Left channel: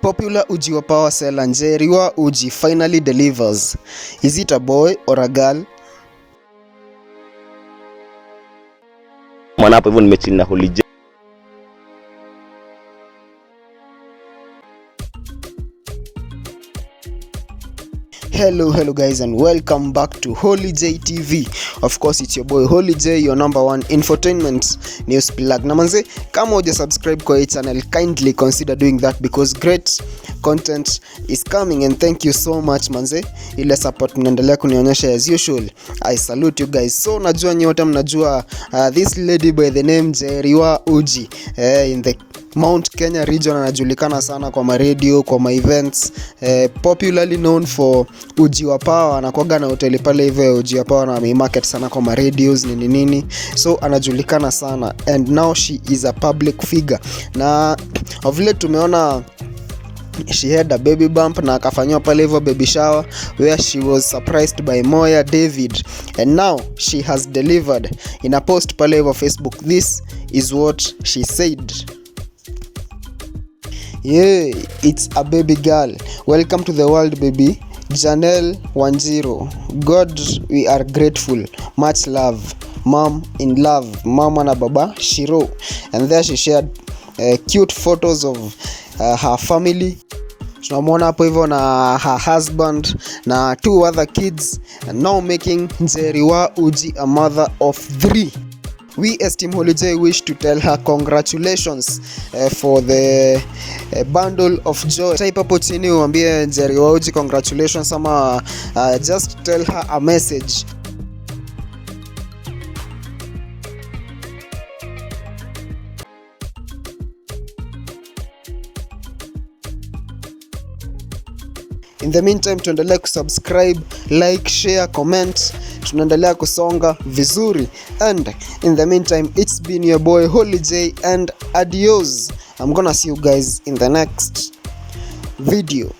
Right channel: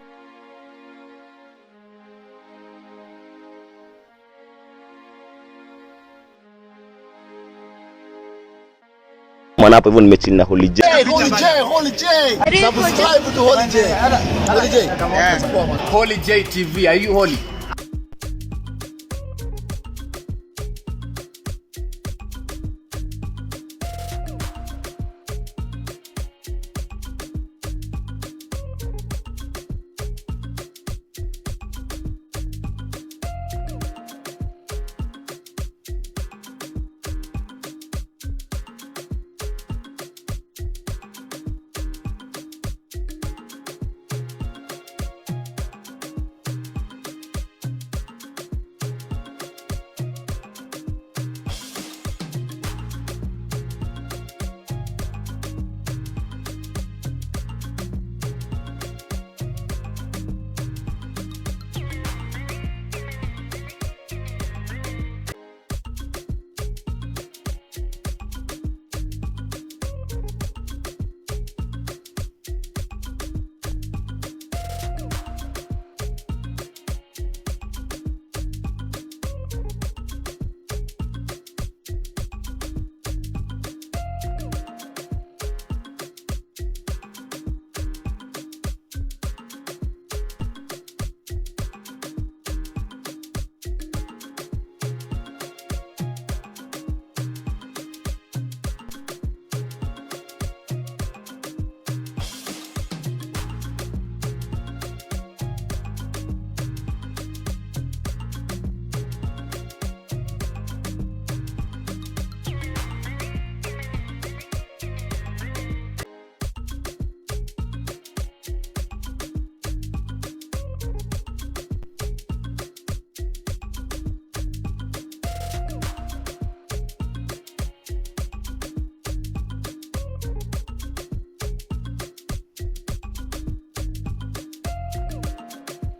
Popular uji wa power seller Njeri wa uji finally delivers. Is it a boy or a girl? Mwana hapo hivyo nimechini na Holy J. Subscribe to Holy J. Holy J TV. Are you holy? Hello guys, and welcome back to Holy J TV. Of course, it's your boy Holy J, your number one infotainment news plug. Na manze, kama huja subscribe kwa hii channel, kindly consider doing that because great content is coming, and thank you so much manze. Ile support mnaendelea kunionyesha as usual. I salute you guys. So najua nyote mnajua this lady by the name Njeri wa uji in the Mount Kenya region, anajulikana sana kwa ma radio, kwa ma events, popularly known for uji wa power. Anakuaga na hoteli pale hivyo uji wa power na market sana kwa ma radios nini. So anajulikana sana, and now she is a public figure. Na of late tumeona she had a baby bump na akafanywa pale hivyo baby shower where she was surprised by Moya David, and now she has delivered. In a post pale hivyo Facebook, this is what she said. Yeah, it's a baby girl. Welcome to the world, baby. Janelle Wanjiro. God, we are grateful. Much love. Mom in love. Mama na baba Shiro. And there she shared cute photos of her family. Tunamwona hapo hivyo na her husband na 2 other kids, and now making Njeri wa uji a mother of 3. We esteem Holy J wish to tell her congratulations for the bundle of joy. Type hapo chini uambie Njeri wa uji congratulations, ama just tell her a message. In the meantime, tuendelea kusubscribe, like, share, comment. Tunaendelea kusonga vizuri. And in the meantime, it's been your boy Holy J, and adios. I'm gonna see you guys in the next video.